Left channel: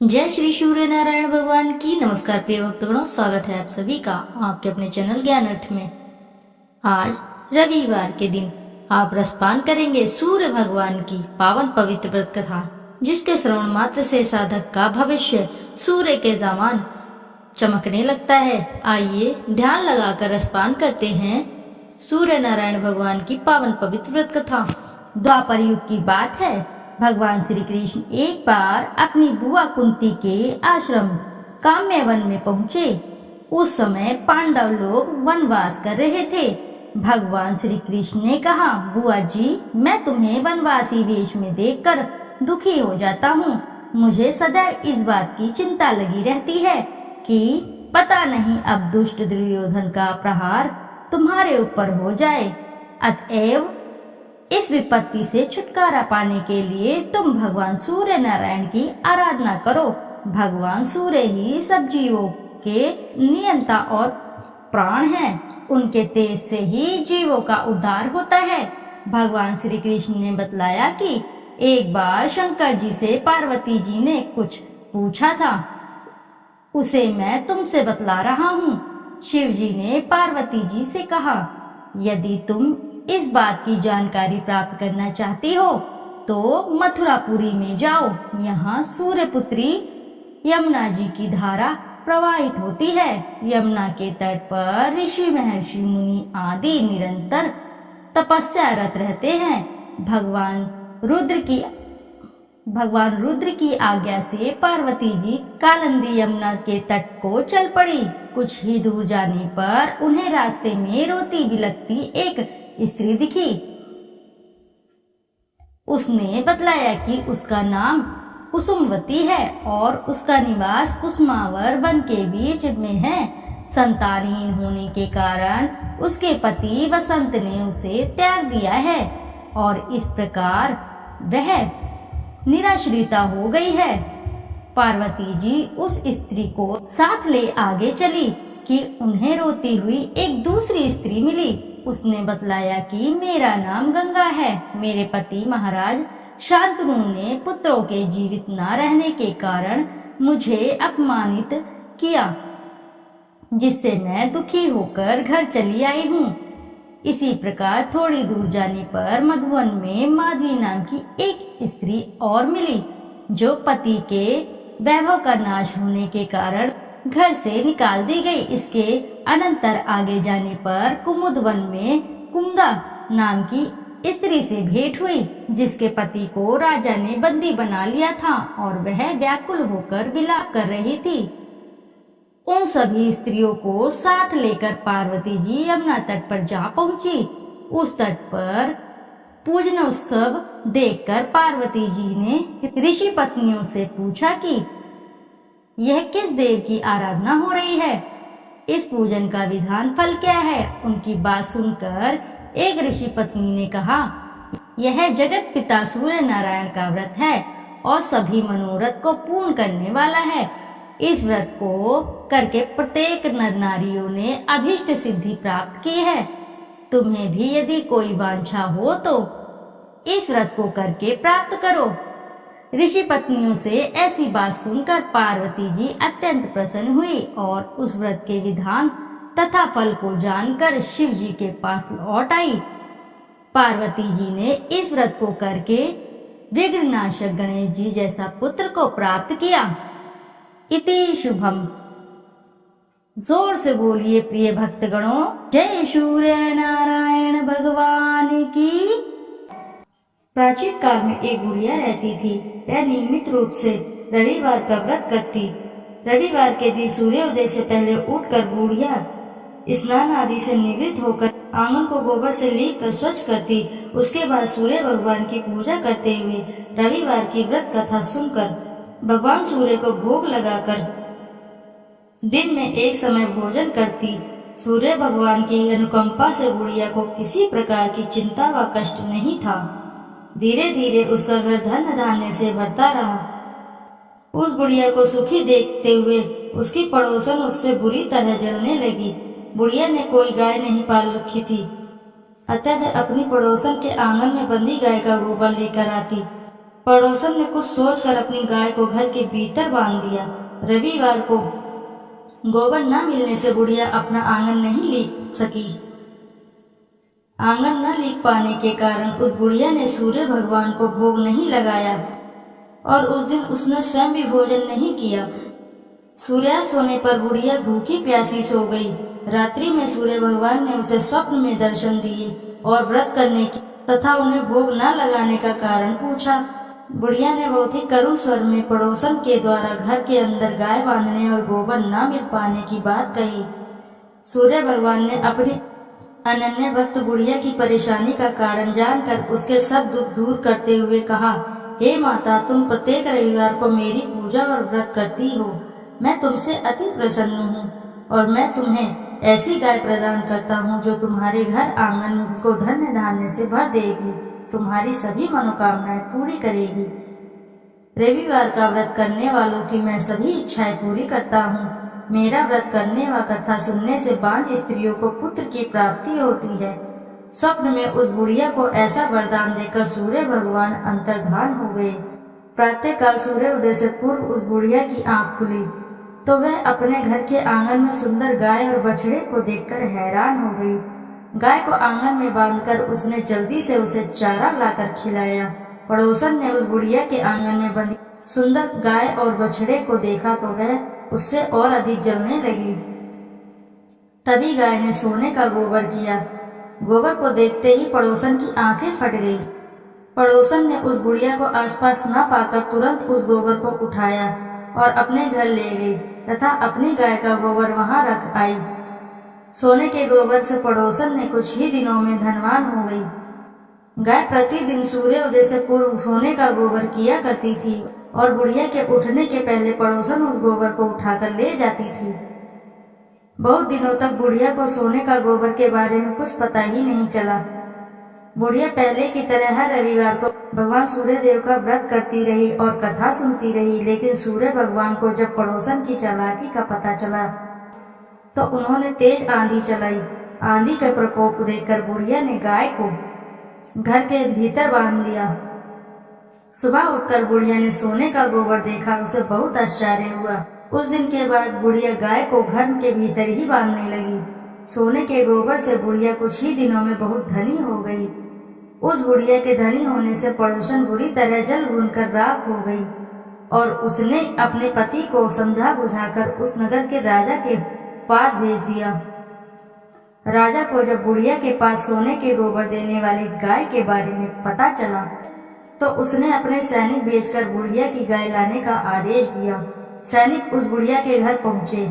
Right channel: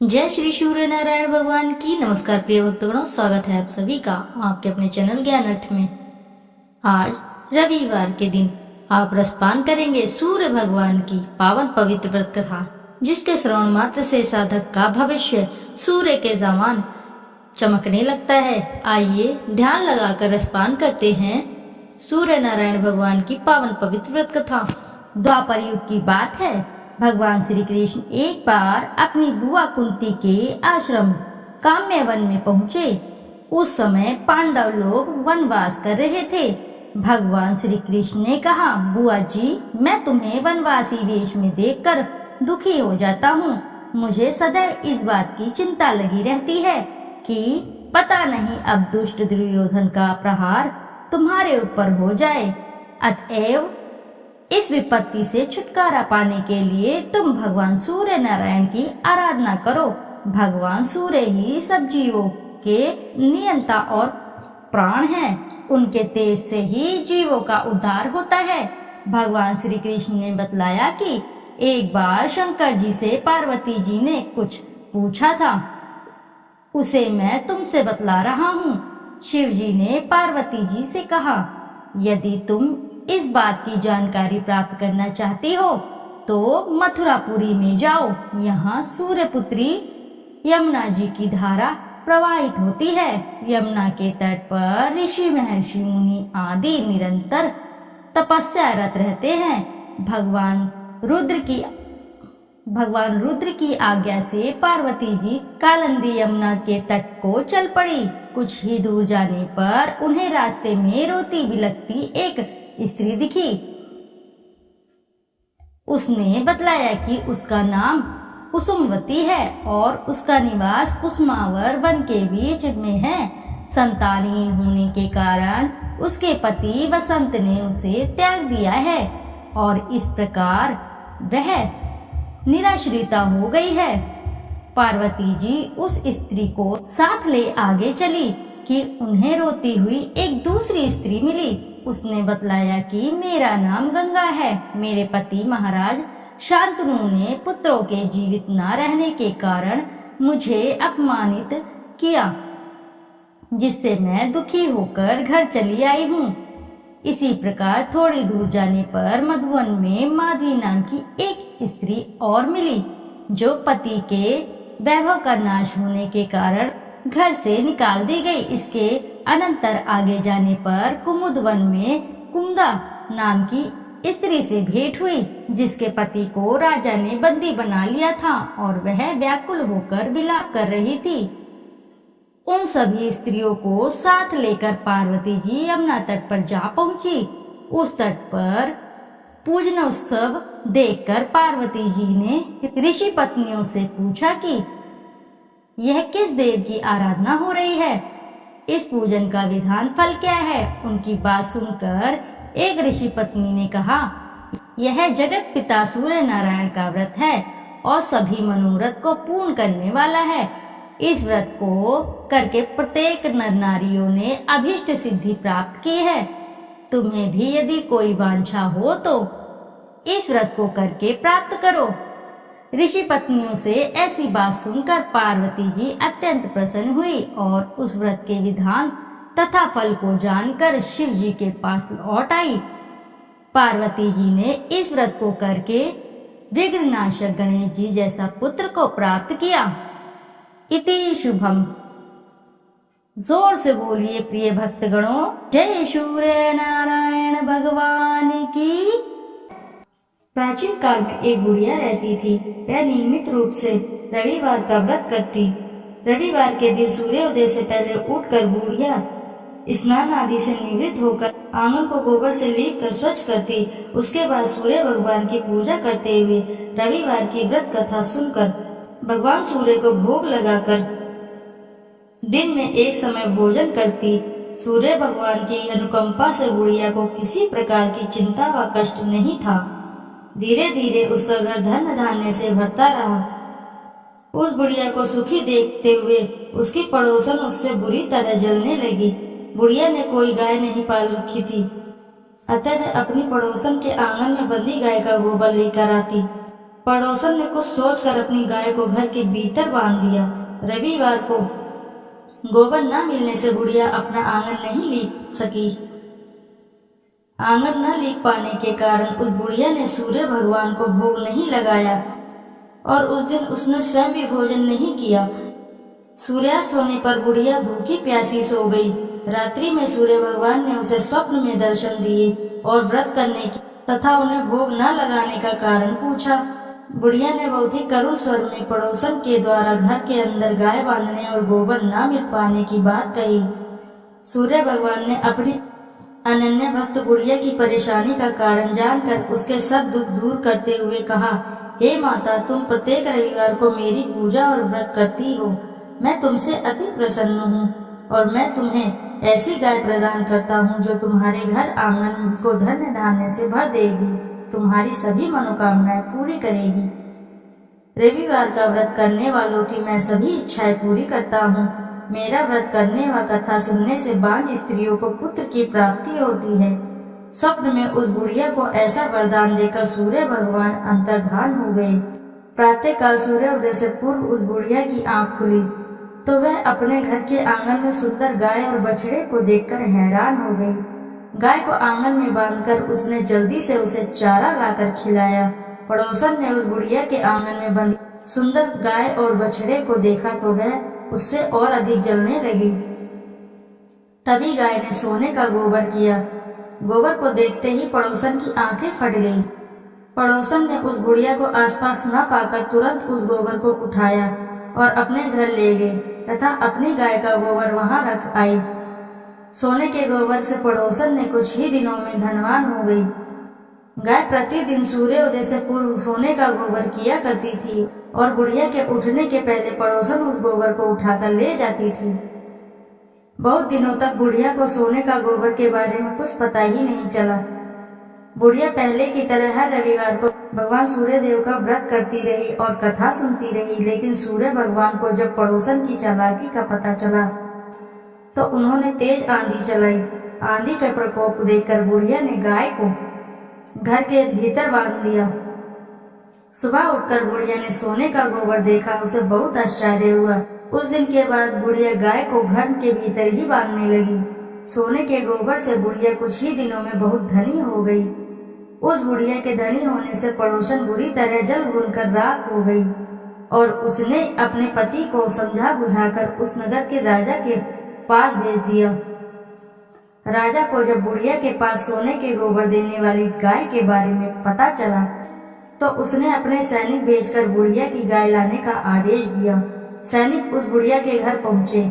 जय श्री सूर्य नारायण भगवान की। नमस्कार प्रिय भक्तगणों, स्वागत है आप सभी का आपके अपने चैनल ज्ञान अर्थ में। आज रविवार के दिन आप रसपान करेंगे सूर्य भगवान की पावन पवित्र व्रत कथा, जिसके श्रवण मात्र से साधक का भविष्य सूर्य के समान चमकने लगता है। आइए ध्यान लगाकर रसपान करते हैं सूर्य नारायण भगवान की पावन पवित्र व्रत कथा। द्वापर युग की बात है। भगवान श्री कृष्ण एक बार अपनी बुआ कुंती के आश्रम काम्यवन में पहुँचे। उस समय पांडव लोग वनवास कर रहे थे। भगवान श्री कृष्ण ने कहा, बुआ जी, मैं तुम्हें वनवासी वेश में देखकर दुखी हो जाता हूँ। मुझे सदैव इस बात की चिंता लगी रहती है कि पता नहीं अब दुष्ट दुर्योधन का प्रहार तुम्हारे ऊपर हो जाए। अतएव इस विपत्ति से छुटकारा पाने के लिए तुम भगवान सूर्य नारायण की आराधना करो। भगवान सूर्य ही सब जीवों के नियंता और प्राण हैं। उनके तेज से ही जीवों का उद्धार होता है। भगवान श्री कृष्ण ने बतलाया कि एक बार शंकर जी से पार्वती जी ने कुछ पूछा था, उसे मैं तुमसे बतला रहा हूँ। शिव जी ने पार्वती जी से कहा, यदि तुम इस बात की जानकारी प्राप्त करना चाहती हो तो मथुरापुरी में जाओ। यहाँ सूर्यपुत्री यमुना जी की धारा प्रवाहित होती है। यमुना के तट पर ऋषि महर्षि मुनि आदि निरंतर तपस्यारत रहते हैं। भगवान रुद्र की आज्ञा से पार्वती जी कालिंदी यमुना के तट को चल पड़ी। कुछ ही दूर जाने पर उन्हें रास्ते में रोती बिलखती एक स्त्री दिखी। उसने बतलाया कि उसका नाम कुसुमवती है और उसका निवास कुसुमावर वन के बीच में है। संतानहीन होने के कारण उसके पति वसंत ने उसे त्याग दिया है और इस प्रकार वह निराश्रिता हो गई है। पार्वती जी उस स्त्री को साथ ले आगे चली कि उन्हें रोती हुई एक दूसरी स्त्री मिली। उसने बतलाया कि मेरा नाम गंगा है। मेरे पति महाराज शांतनु ने पुत्रों के जीवित न रहने के कारण मुझे अपमानित किया, जिससे मैं दुखी होकर घर चली आई हूँ। इसी प्रकार थोड़ी दूर जाने पर मधुवन में माधवी नाम की एक स्त्री और मिली, जो पति के वैभव का नाश होने के कारण घर से निकाल दी गई। इसके अनंतर आगे जाने पर कुमुदवन में कुमुदा नाम की स्त्री से भेंट हुई, जिसके पति को राजा ने बंदी बना लिया था और वह व्याकुल होकर विलाप कर रही थी। उन सभी स्त्रियों को साथ लेकर पार्वती जी यमुना तट पर जा पहुंची। उस तट पर पूजन उत्सव देखकर पार्वती जी ने ऋषि पत्नियों से पूछा कि यह किस देव की आराधना हो रही है, इस पूजन का विधान फल क्या है। उनकी बात सुनकर एक ऋषि पत्नी ने कहा, यह जगत पिता सूर्य नारायण का व्रत है और सभी मनोरथ को पूर्ण करने वाला है। इस व्रत को करके प्रत्येक नर नारियों ने अभीष्ट सिद्धि प्राप्त की है। तुम्हें भी यदि कोई वांछा हो तो इस व्रत को करके प्राप्त करो। ऋषि पत्नियों से ऐसी बात सुनकर पार्वती जी अत्यंत प्रसन्न हुई और उस व्रत के विधान तथा फल को जानकर शिव जी के पास लौट आई। पार्वती जी ने इस व्रत को करके विघ्ननाशक गणेश जी जैसा पुत्र को प्राप्त किया। इति शुभम। जोर से बोलिए प्रिय भक्तगणों, जय सूर्य नारायण भगवान की। प्राचीन काल में एक बुढ़िया रहती थी। वह नियमित रूप से रविवार का व्रत करती। रविवार के दिन सूर्योदय से पहले उठकर बुढ़िया स्नान आदि से निवृत्त होकर आंगन को गोबर से लीप कर स्वच्छ करती। उसके बाद सूर्य भगवान की पूजा करते हुए रविवार की व्रत कथा सुनकर भगवान सूर्य को भोग लगाकर दिन में एक समय भोजन करती। सूर्य भगवान की अनुकंपा से बुढ़िया को किसी प्रकार की चिंता व कष्ट नहीं था। धीरे धीरे उसका घर धन धान्य से भरता रहा। उस बुढ़िया को सुखी देखते हुए उसकी पड़ोसन उससे बुरी तरह जलने लगी। बुढ़िया ने कोई गाय नहीं पाल रखी थी, अतः वह अपनी पड़ोसन के आंगन में बंधी गाय का गोबर लेकर आती। पड़ोसन ने कुछ सोचकर अपनी गाय को घर के भीतर बांध दिया। रविवार को गोबर न मिलने से बुढ़िया अपना आंगन नहीं लीप सकी। आंगन न लीप पाने के कारण उस बुढ़िया ने सूर्य भगवान को भोग नहीं लगाया और उस दिन उसने स्वयं भी भोजन नहीं किया। सूर्यास्त होने पर बुढ़िया भूखी प्यासी सो गई। रात्रि में सूर्य भगवान ने उसे स्वप्न में दर्शन दिए और व्रत करने की तथा उन्हें भोग न लगाने का कारण पूछा। बुढ़िया ने बहुत ही करुण स्वर में पड़ोसन के द्वारा घर के अंदर गाय बांधने और गोबर न मिल पाने की बात कही। सूर्य भगवान ने अपनी अनन्य भक्त बुढ़िया की परेशानी का कारण जानकर उसके सब दुख दूर करते हुए कहा, हे माता, तुम प्रत्येक रविवार को मेरी पूजा और व्रत करती हो। मैं तुमसे अति प्रसन्न हूँ और मैं तुम्हें ऐसी गाय प्रदान करता हूँ जो तुम्हारे घर आंगन को धन्य धान्य से भर देगी, तुम्हारी सभी मनोकामनाएं पूरी करेगी। रविवार का व्रत करने वालों की मैं सभी इच्छाएं पूरी करता हूँ। मेरा व्रत करने व कथा सुनने से बांझ स्त्रियों को पुत्र की प्राप्ति होती है। स्वप्न में उस बुढ़िया को ऐसा वरदान देकर सूर्य भगवान अंतर्धान हो गए। प्रातः काल सूर्योदय से पूर्व उस बुढ़िया की आंख खुली तो वह अपने घर के आंगन में सुंदर गाय और बछड़े को देखकर हैरान हो गई। गाय को आंगन में बांधकर उसने जल्दी से उसे चारा लाकर खिलाया। पड़ोसन ने उस बुढ़िया के आंगन में बंधी सुंदर गाय और बछड़े को देखा तो वह उससे और अधिक जलने लगी। तभी गाय ने सोने का गोबर किया। गोबर को देखते ही पड़ोसन की आंखें फट गई। पड़ोसन ने उस बुढ़िया को आसपास न पाकर तुरंत उस गोबर को उठाया और अपने घर ले गई तथा अपनी गाय का गोबर वहां रख आई। सोने के गोबर से पड़ोसन ने कुछ ही दिनों में धनवान हो गई। गाय प्रतिदिन सूर्योदय से पूर्व सोने का गोबर किया करती थी और बुढ़िया के उठने के पहले पड़ोसन उस गोबर को उठाकर ले जाती थी। बहुत दिनों तक बुढ़िया को सोने का गोबर के बारे में कुछ पता ही नहीं चला। बुढ़िया पहले की तरह हर रविवार को भगवान सूर्य देव का व्रत करती रही और कथा सुनती रही, लेकिन सूर्य भगवान को जब पड़ोसन की चालाकी का पता चला तो उन्होंने तेज आंधी चलाई। आंधी का प्रकोप देखकर बुढ़िया ने गाय को घर के भीतर बांध दिया। सुबह उठकर बुढ़िया ने सोने का गोबर देखा, उसे बहुत आश्चर्य हुआ। उस दिन के बाद बुढ़िया गाय को घर के भीतर ही बांधने लगी। सोने के गोबर से बुढ़िया कुछ ही दिनों में बहुत धनी हो गई। उस बुढ़िया के धनी होने से पड़ोसन बुरी तरह जल भूनकर राख हो गई और उसने अपने पति को समझा बुझाकर उस नगर के राजा के पास भेज दिया। राजा को जब बुढ़िया के पास सोने के गोबर देने वाली गाय के बारे में पता चला तो उसने अपने सैनिक भेजकर बुढ़िया की गाय लाने का आदेश दिया। सैनिक उस बुढ़िया के घर पहुंचे।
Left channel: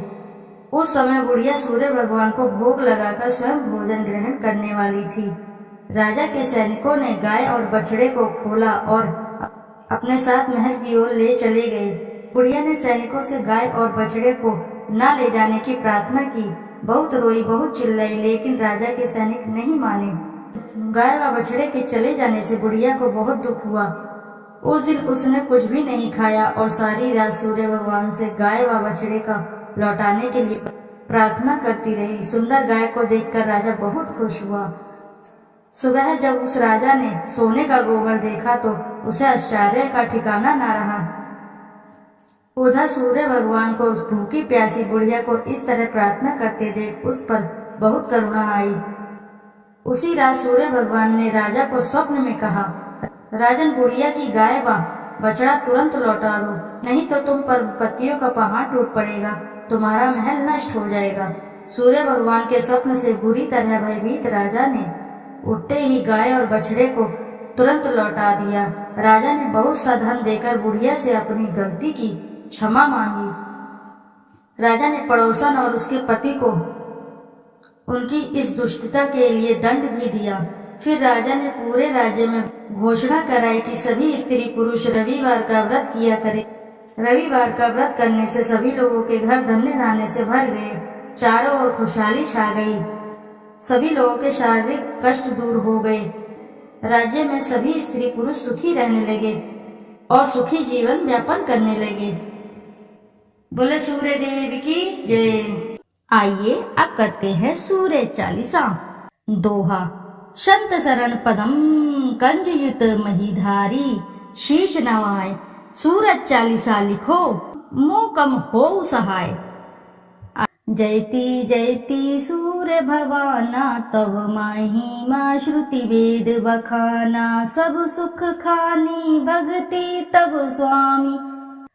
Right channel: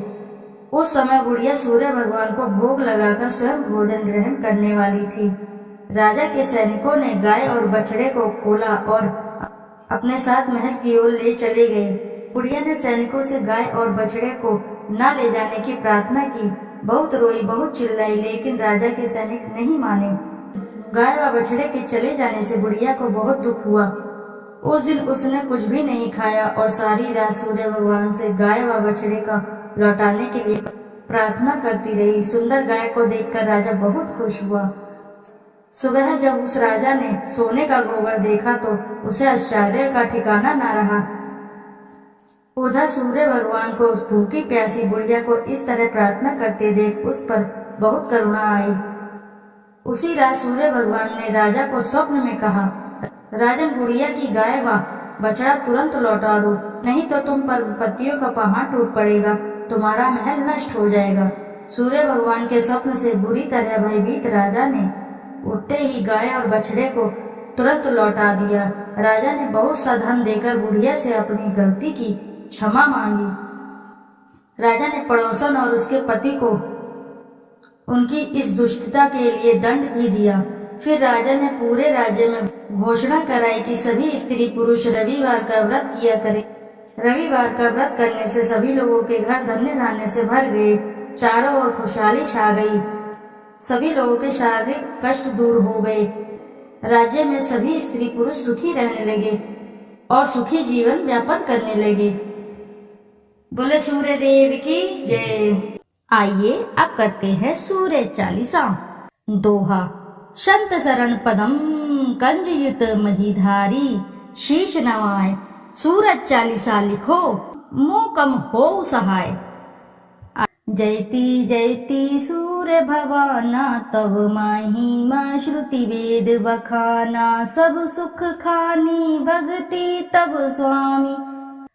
उस समय बुढ़िया सूर्य भगवान को भोग लगाकर स्वयं भोजन ग्रहण करने वाली थी। राजा के सैनिकों ने गाय और बछड़े को खोला और अपने साथ महल की ओर ले चले गए। बुढ़िया ने सैनिकों से गाय और बछड़े को न ले जाने की प्रार्थना की। बहुत रोई, बहुत चिल्लाई, लेकिन राजा के सैनिक नहीं माने। गाय व बछड़े के चले जाने से बुढ़िया को बहुत दुख हुआ। उस दिन उसने कुछ भी नहीं खाया और सारी रात सूर्य भगवान से गाय व बछड़े का लौटाने के लिए प्रार्थना करती रही। सुंदर गाय को देखकर राजा बहुत खुश हुआ। सुबह जब उस राजा ने सोने का गोबर देखा तो उसे आश्चर्य का ठिकाना न रहा। उधर सूर्य भगवान को उस भूखी प्यासी बुढ़िया को इस तरह प्रार्थना करते देख उस पर बहुत करुणा आई। उसी रात सूर्य भगवान ने राजा को स्वप्न में कहा, राजन, बुढ़िया की गाय व बछड़ा तुरंत लौटा दो, नहीं तो तुम पर विपत्तियों का पहाड़ टूट पड़ेगा, तुम्हारा महल नष्ट हो जाएगा। सूर्य भगवान के स्वप्न से बुरी तरह भयभीत राजा ने उठते ही गाय और बछड़े को तुरंत लौटा दिया। राजा ने बहुत सा धन देकर बुढ़िया से अपनी गलती की क्षमा मांगी। राजा ने पड़ोसन और उसके पति को उनकी इस दुष्टता के लिए दंड भी दिया। फिर राजा ने पूरे राज्य में घोषणा कराई कि सभी स्त्री पुरुष रविवार का व्रत किया करें। रविवार का व्रत करने से सभी लोगों के घर धन्य धान्य से भर गए। चारों ओर खुशहाली छा गई। सभी लोगों के शारीरिक कष्ट दूर हो गए। राज्य में सभी स्त्री पुरुष सुखी रहने लगे और सुखी जीवन व्यापन करने लगे। बोले सूर्य देव की जय। आइए अब करते हैं सूर्य चालीसा। दोहा। संत शरण पदम कंजयुत महीधारी, शीश नवाए। सूरज चालीसा लिखो, मोह कम हो सहाय। जयति जयति सूर्य भवाना, तब महिमा श्रुति वेद बखाना। सब सुख खानी भक्ति तब स्वामी,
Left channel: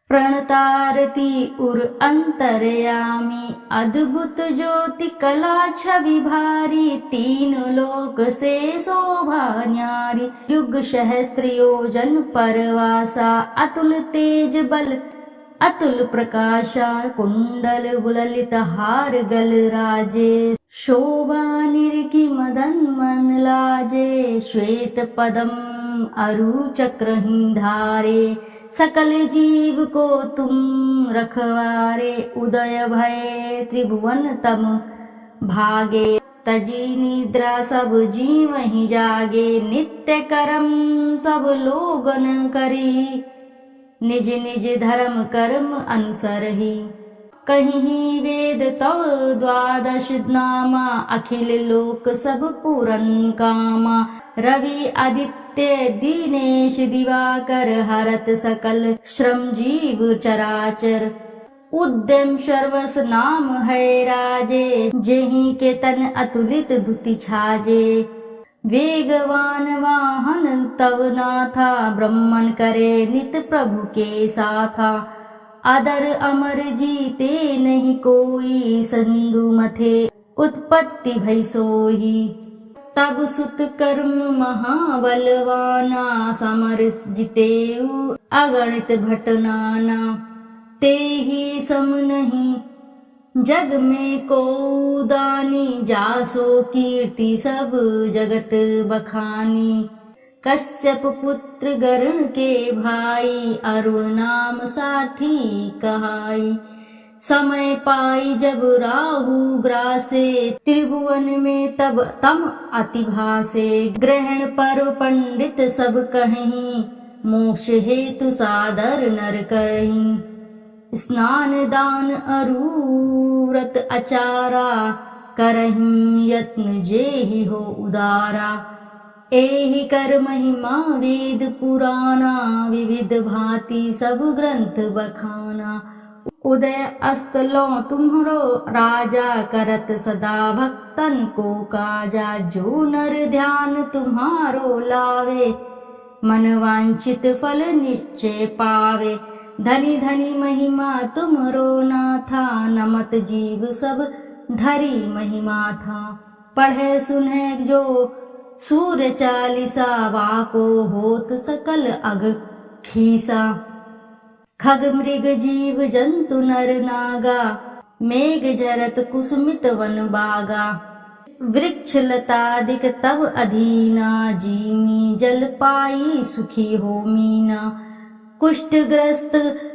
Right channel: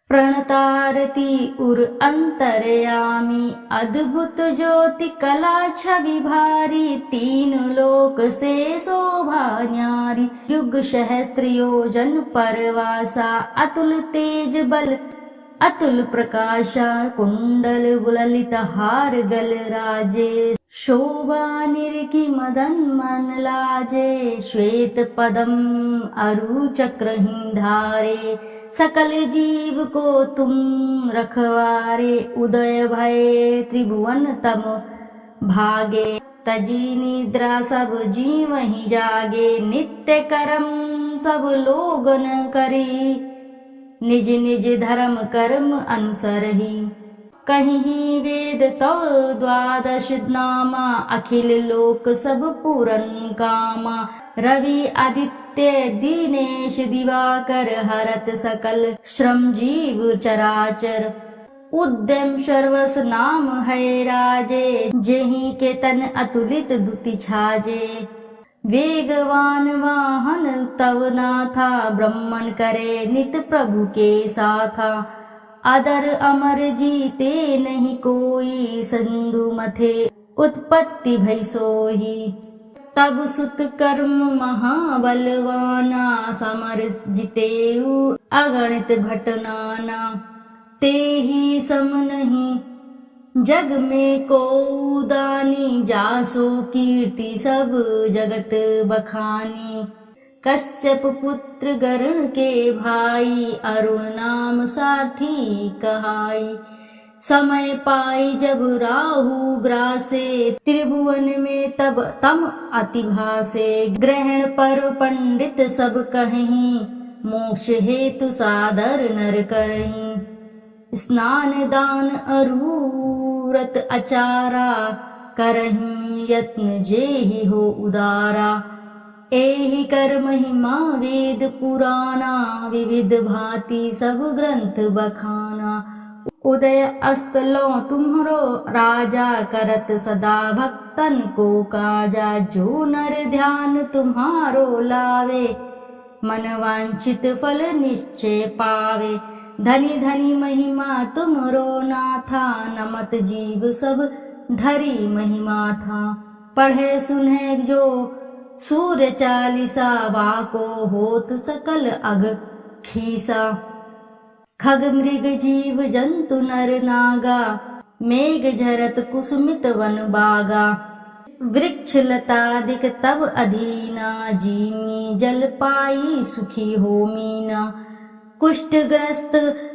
प्रणतारती उर अंतरयामी। अद्भुत ज्योति कला छवि भारी, तीन लोक से शोभा न्यारी। युग सहस्त्र योजन परवासा, अतुल तेज बल अतुल प्रकाशा। कुंडल ललित हार गल राजे, शोभा निरखी मदन मन लाजे। श्वेत पदम अरु चक्रही धारे, सकल जीव को तुम रखवारे। उदय भय त्रिभुवन तम भागे, तजी निद्रा सब जीव ही जागे। नित्य कर्म सब लोगन करी, निज निज धर्म कर्म अनुसर ही। कहीं वेद तव द्वादश नामा, अखिल लोक सब पूरन कामा। रवि आदित्य दीनेश दिवाकर, हरत सकल श्रम जीव चराचर। उद्यम सर्वस नाम है राजे, जेहि के तन अतुलित दुति छाजे। वेगवान वाहन तव नाथा, ब्रह्मन करे नित प्रभु के साथा। अदर अमर जीते नहीं कोई, सिंधु मथे उत्पत्ति भई सोही। तब सुत कर्म महाबलवाना, समर जितेऊ अगणित भट नाना। ते ही सम नहीं जग में को दानी, जासो कीर्ति सब जगत बखानी। कश्यप पुत्र गरुण के भाई, अरुण नाम साथी कहाई। समय पाई जब राहु ग्रासे, त्रिभुवन में तब तम अति भासे। ग्रहण पर्व पंडित सब कहीं, मोक्ष हेतु सादर नर करहीं। स्नान दान अरु व्रत अचारा, करहिं यत्न जेहि हो उदारा। एहि कर महिमा वेद पुराना, विविध भांति सब ग्रंथ बखाना। उदय अस्त लो तुम्हरो राजा, करत सदा भक्तन को काजा। जो नर ध्यान तुम्हारो लावे, मन वांछित फल निश्चय पावे। धनी धनी महिमा तुमरो नाथा, नमत जीव सब धरी महिमा था। पढ़े सुने जो सूर्य चालीसा, वाको होत सकल अघ खीसा। खग मृग जीव जंतु नर नागा, मेघ झरत कुसुमित वन बागा। वृक्ष लतादिक तब अधीना, जीमी जल पाई सुखी हो मीना। कुष्ठग्रस्त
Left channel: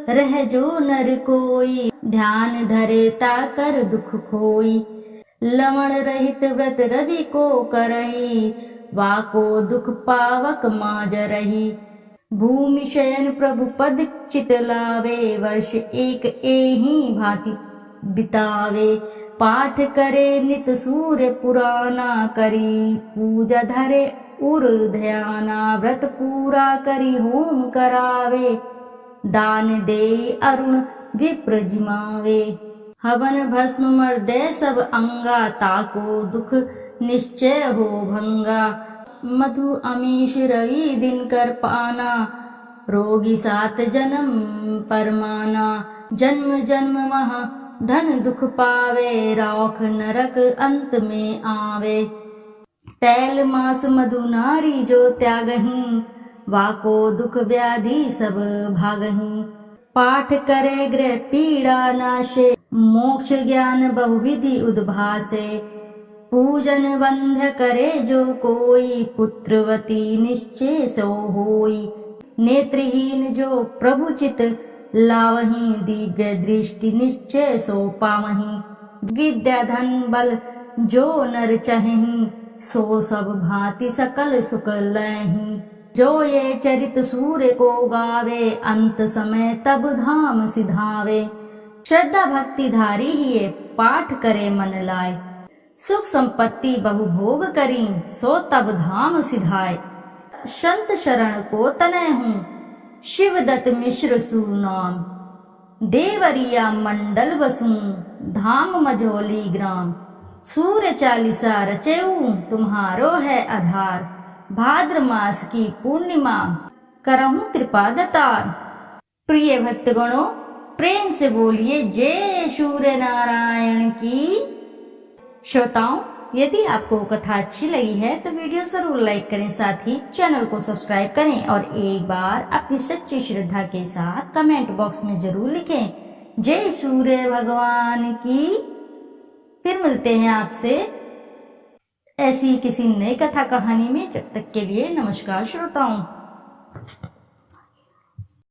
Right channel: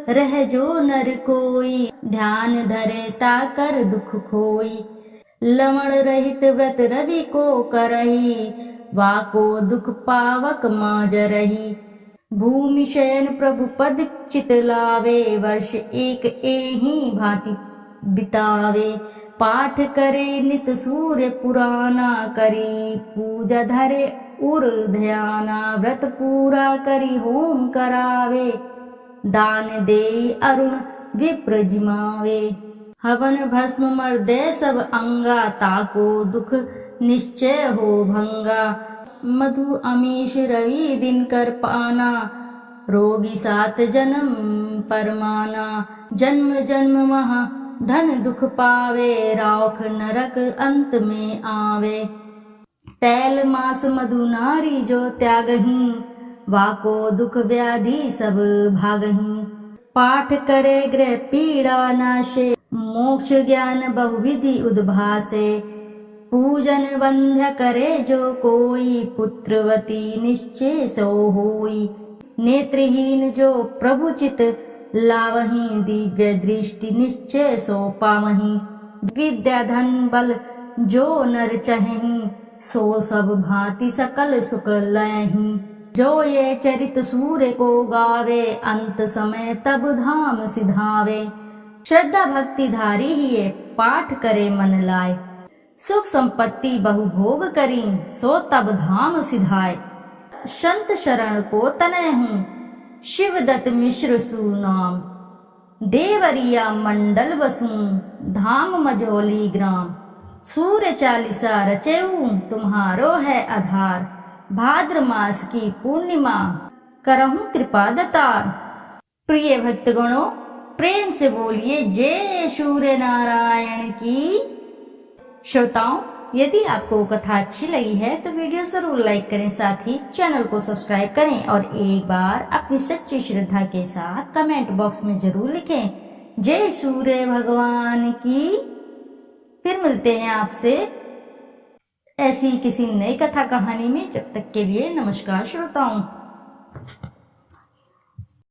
रह जो नर कोई, ध्यान धरे ताकर दुख खोई। लवण रहित व्रत रवि को करही, वाको दुख पावक माज रही। भूमि शयन प्रभु पद चित लावे, वर्ष एक एहि भांति बितावे। पाठ करे नित सूर्य पुराना, करी पूजा धरे उर ध्याना। व्रत पूरा करी होम करावे, दान दे अरुण विप्र जिमावे। हवन भस्म मर्दे सब अंगा, ताको दुख निश्चय हो भंगा। मधु अमीश रवि दिन कर पाना, रोगी सात जन्म परमाना। जन्म जन्म महा धन दुख पावे, रौख नरक अंत में आवे। तैल मास मधु नारी जो त्यागहीं, वाको दुख व्याधि सब भागहीं। पाठ करे गृह पीड़ा नाशे, मोक्ष ज्ञान बहुविधि उद्भासे। पूजन बंध्य करे जो कोई, पुत्रवती निश्चय सो होई। नेत्रहीन जो प्रभु चित लावहीं, दिव्य दृष्टि निश्चय सो पावहीं। विद्या धन बल जो नर चाहेहीं, सो सब भांति सकल सुख लयहीं। जो ये चरित सूर्य को गावे, अंत समय तब धाम सिधावे। श्रद्धा भक्ति धारी ही ये पाठ करे मन लाए। सुख संपत्ति बहु भोग करी, सो तब धाम सिधाए। संत शरण को तनय हूँ, शिवदत्त मिश्र सुनाम। देवरिया मंडल बसु धाम मझौली ग्राम। सूर्य चालीसा रचेऊ तुम्हारो है आधार। भाद्र मास की पूर्णिमा करहूं कृपा दतार। प्रिय भक्तगणों, प्रेम से बोलिए जय सूर्य नारायण की। श्रोताओं, यदि आपको कथा अच्छी लगी है तो वीडियो जरूर लाइक करें, साथ ही चैनल को सब्सक्राइब करें और एक बार अपनी सच्ची श्रद्धा के साथ कमेंट बॉक्स में जरूर लिखें जय सूर्य भगवान की। फिर मिलते हैं आपसे ऐसी किसी नई कथा कहानी में। जब तक के लिए नमस्कार श्रोताओं।